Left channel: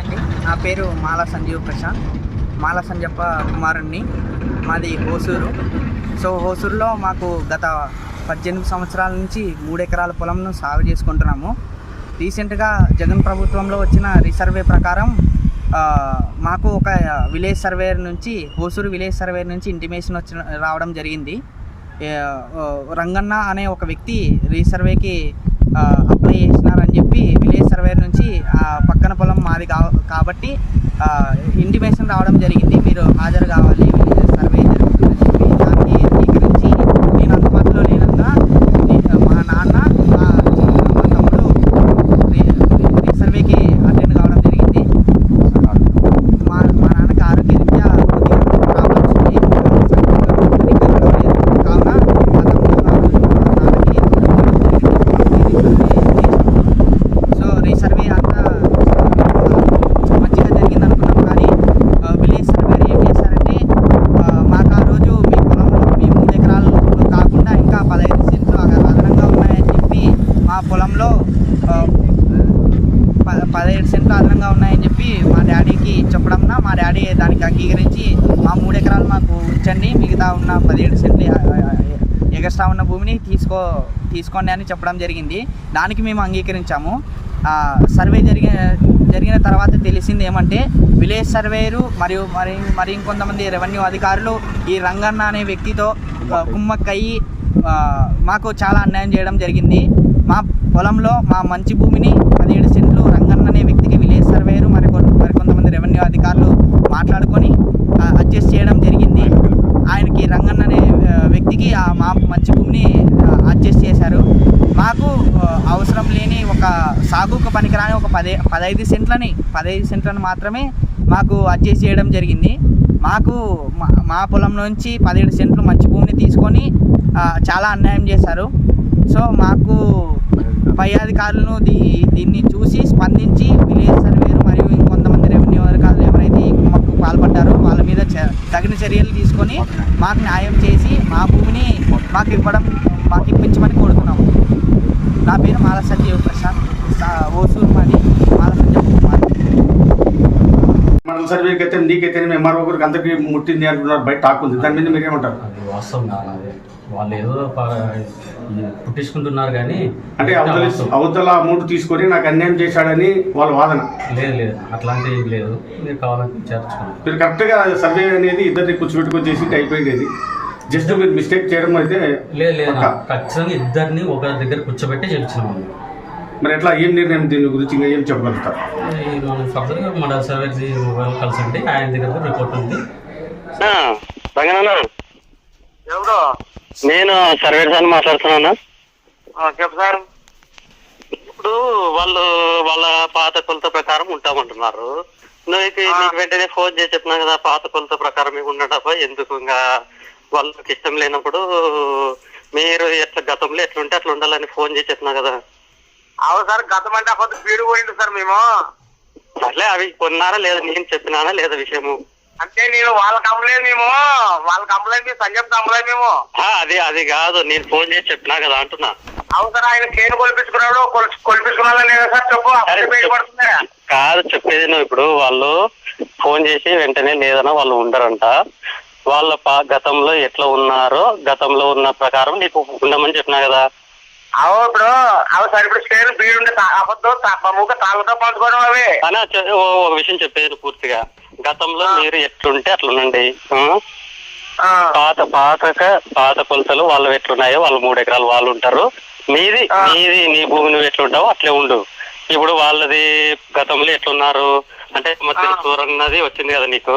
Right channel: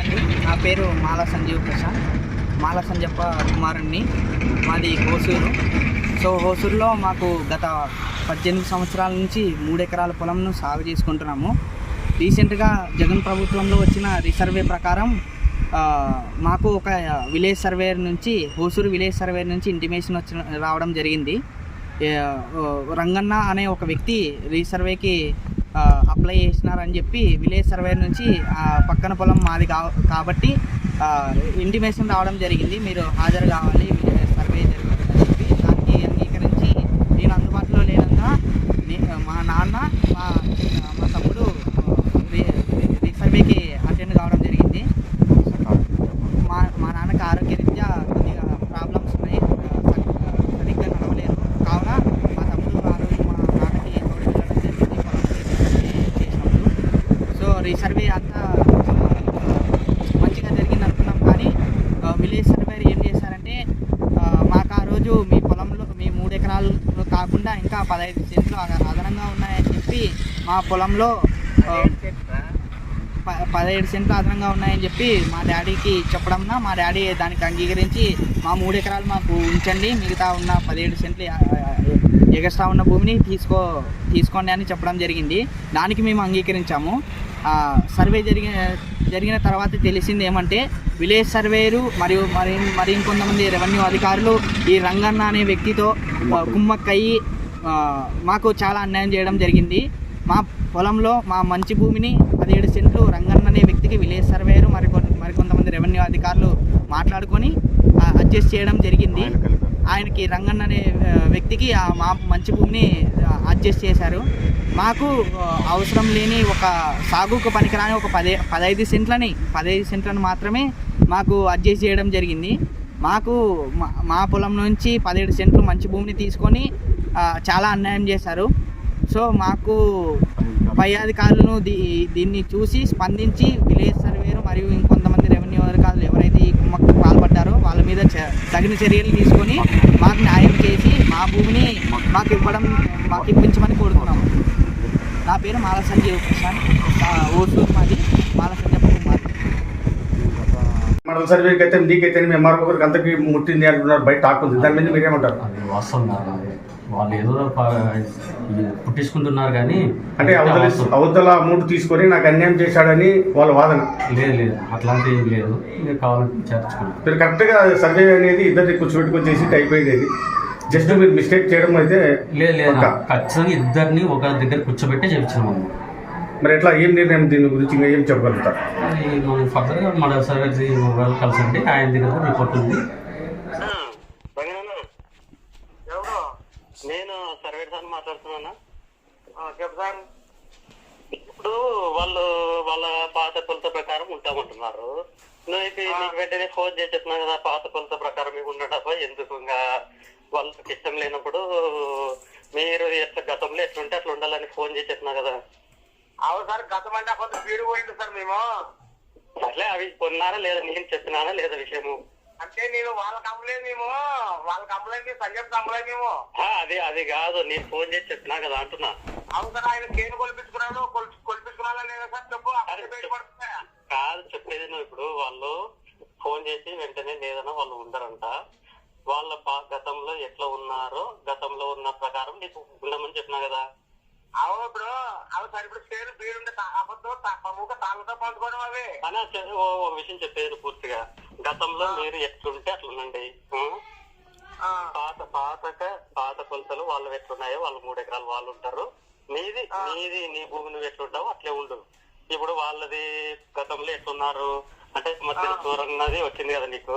అండి, నా పేరు మాల సంజీవ్ ప్రశాంత్. మాల సంజప్ప కుమారుణ్ణి. మాది హోసూరు. హోసూరులో మాకు గత 18 సంవత్సరాల నుంచి 3 ఎకరాల పొలంను సాగు చేసుకుంటున్నాము. రీసెంట్గా జగన్ ప్రభుత్వంలో వచ్చిన రీసర్వే ప్రకారం మాకు ఒక విలేజ్ సర్వేయర్ నుంచి, హోసూరు విలేజ్ సర్వేయర్ నుంచి ఇంటిమేషన్ రావడం జరిగింది. రంగన్న అనే ఒక వ్యక్తి రీసర్వేకి అప్లై చేసినారని చెప్పి విలేజ్ సర్వేయర్ నుంచి పక్కన పొలం మాది కాబట్టి ఇంటిమేషన్ రావడం జరిగింది. మీరు హాజరు కావాలి, సర్వే జరుగుతుందని చెప్పి దానికి అంగీకరించి నేను అందుబాటులో లేనంగా మా నాన్న మా తమ్ముడు రీసర్వేకి అటెండ్ కావడం జరిగింది. మా నాన్నకి ఆరోగ్యరీత్యా కొద్దిగా ప్రాబ్లమ్స్ ఉన్నాయి, సరిగ్గా గడవలేదు. కావున మా తమ్ముడు నాన్నకి రీసర్వే అంతా మంచిగా జరిగింది అనుకున్నాం. కానీ విలేజ్ సర్వేర్ ఏం చేశారంటే మాకు ఆ రోజు మీ పొలంలో మీ 3 ఎకరాలు కాకుండా ఇంకా 15 సెంట్లు అదనంగా ఉన్నాయని చెప్పి మా పొలంలో 17 సెంట్లు అదనంగా ఉన్నాయని చెప్పి మా డాడీకి చెప్పడంన మా డాడీ దానికి అంగీకరించి మా 3 ఎకరాలు మాకు ఉంచండి, మిగతా ఉన్న 17 సెంట్లు ఎగస్ట్రా ఉన్న భూమిని తీసుకోండి అని చెప్పడం జరిగింది. దానికి మేము అంగీకరించాము. సర్వే జరిగిన తర్వాత తెలిసింది ఏమంటే విలేజ్ సర్వేయరు మరియు మరి ఇంకొంతమంది రెవెన్యూ అధికారులు ఈ రంగన్న అనే వ్యక్తితో కుమ్మక్కయ్యి మాకు చాలా అన్యాయం చేయడం జరిగింది. మా పొలంలో మా మంచి భూమిని 17 సెంట్లు రంగన్న అనే వ్యక్తికి విలేజ్ సర్వేయరు మరికొంతమంది రెవెన్యూ అధికారులు మాట్లాడుకొని అడ్జస్ట్ చేయడం జరిగింది. ఆయనకి రంగన్న అనే వ్యక్తికి మా మంచి భూమిని అడ్జస్ట్ చేశారు. మాకు అవసరం లేని ఒక సాగుకు పనికిరాని ఒక 15 సెంట్లను మాత్రమే మాకు అడ్జస్ట్ చేయడం జరిగింది. మాకు మా పొలం నుంచి 17 సెంట్లు మంచి భూమిని తీసుకొని చాలా అన్యాయం చేశారు. మాకు పై అధికారులను దీన్ని చూసి స్పందించి విలేజ్ సర్వేరు మరియు ఇంకొంతమంది రెవెన్యూ అధికారులు ఎవరైతే ఈ కుమ్మకు పాల్పడ్డారో వాళ్ళ మీద తగిన చర్యలు తీసుకొని మాకు న్యాయం చేసి మా భూమిని మాకు ఇప్పించమని కోరుతున్నాము. నా పేరు మాల సంజీవ్ ప్రశాంత్, ఓసూరు మాది, మాల సంజీవ్ కుమార్. మన సర్వేకి అయితే నీకైతే మేము మరో ఒకరికి అంతకి ముట్టింది అంటున్నారు, బయట టాక్ ఉంది. దాని మీద మీరేమంటారు? అది వాస్తవం కాదు. వాళ్ళు ఏదో పుట్టించుకుంటున్నారు కానీ అంటే అవతల అమౌంట్ తీసుకొని నాకు అన్యాయం చేశాడని వాళ్ళ వాదన. లేదు అట్లాంటి ఏం లేదు. మీరు కావాలని విచారించుకోండి. మీరు కరెక్ట్గా సర్వే అనేది ఇద్దరిని కూర్చోబెట్టుకొని చేసి అయిపోయింది. జస్ట్ మీరు మిస్టేక్ చేయడం అయితే లేదు ఖచ్చితంగా ఇద్దరిని ఒక దగ్గర కూర్చోబెట్టే చెప్తున్నాము. మరి ఎట్లా ఏం నిర్ణయం దీని గురించి ఇంకా ఏం చెప్పగలుగుతారు? అది మనం ఫర్దర్గా మన సర్వే మొబైల్ కలిసండి, ఆయన దగ్గర రిపోర్ట్ ఉంది. ఎవరు? నేను సర్వేర్ సార్ మాట్లాడుతున్నాను. చెప్పు సార్. ఇప్పుడు వాళ్ళ పాత కొలత ప్రకారం ఉంటామంటున్నారు. నీకు వెంటనే ఫోన్ చేసి చెప్పినా కదా, పాత కొలత ప్రకారం మీకు ఉండటప్ప ఎందుకు ఇంకా వాళ్ళకి ఇష్టం లేనప్పుడు మీరు ఎట్లా గతంలో ఎట్లుంటే అట్లా ఉండాలని ఫోన్ చేసి చెప్పినా కదా. అవును సార్, గతం అంటే అప్పుడు స్పీడ్ పోయింది సార్. మేము సర్లే అవి కొన్నారా లేదా నేను చెప్పినానా లేదా విషయము అంటే నేను వాళ్ళ కంప్లైంట్ సంజయ్ కంప్లైంట్ మేము అది కాదు, నేను ఫోన్ చేసి చెప్పినా కదా అంటున్నా. అవును సార్, ఆయన కేను కొలిపించుకున్నాడు, కొలిపించుకున్నాడని సార్ చెప్పు. కాదు చెప్పేది నువ్వు. ఇప్పుడు వాళ్ళు ఫోన్ చేసి వెంటనే లేదన్నా వాళ్ళు ఉండరంట. వాళ్ళ గతంలో ఎట్లా ఉన్నారో గతంలో ఉన్న ప్రకారం నీకు ఉండమని చెప్పినా కదా. ఇప్పుడు సార్, ఇప్పుడు స్టేన్ బీడు ఉండే మూక తాళ్ళతో పంచుకోవడం అవి అని ఒక విషయం చెప్పేది పూర్తిగా. గతంలో మీరు ఎట్లుంటే అట్లుండండి. పాత కొలతలు వాళ్ళు ఎట్లున్నాయో వాళ్ళు 3 ఎకరాలు వాళ్ళు ఉంటారు. నీ భూమి నువ్వు ఎట్లుంటావో అట్లే ఉండు. ఇప్పుడు వాళ్ళది గతంలో ఎట్లున్నారు అంటే మధ్య సూరన్నది వచ్చింది కదా నీకు,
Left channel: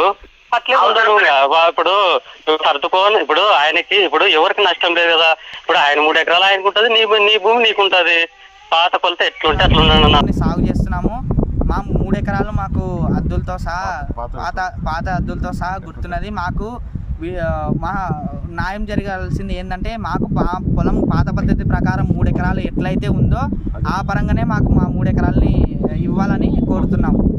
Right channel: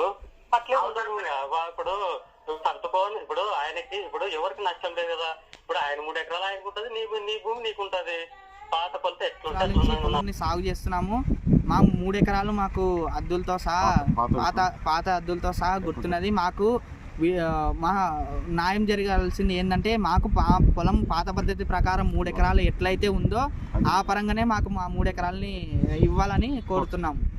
అట్లే ఉండరు. ఇప్పుడు సర్దుకోని ఇప్పుడు ఆయనకి ఇప్పుడు ఎవరికి నష్టం లేదు కదా. ఇప్పుడు ఆయన 3 ఎకరాలు ఆయనకు ఉంటుంది, నీ భూమి నీకుంటది. పాత కొలత ఎట్లుంటే అట్లున్నాను సాగు చేస్తున్నాము. మా 3 ఎకరాలు మాకు అద్దులతో సహా పాత అద్దులతో సహా గుర్తున్నది. మాకు మా న్యాయం జరగాల్సింది ఏంటంటే మాకు పొలం పాత పద్ధతి ప్రకారం 3 ఎకరాలు ఎట్లయితే ఉందో ఆ పరంగానే మాకు మా 3 ఎకరాలని ఇవ్వాలని కోరుతున్నాము.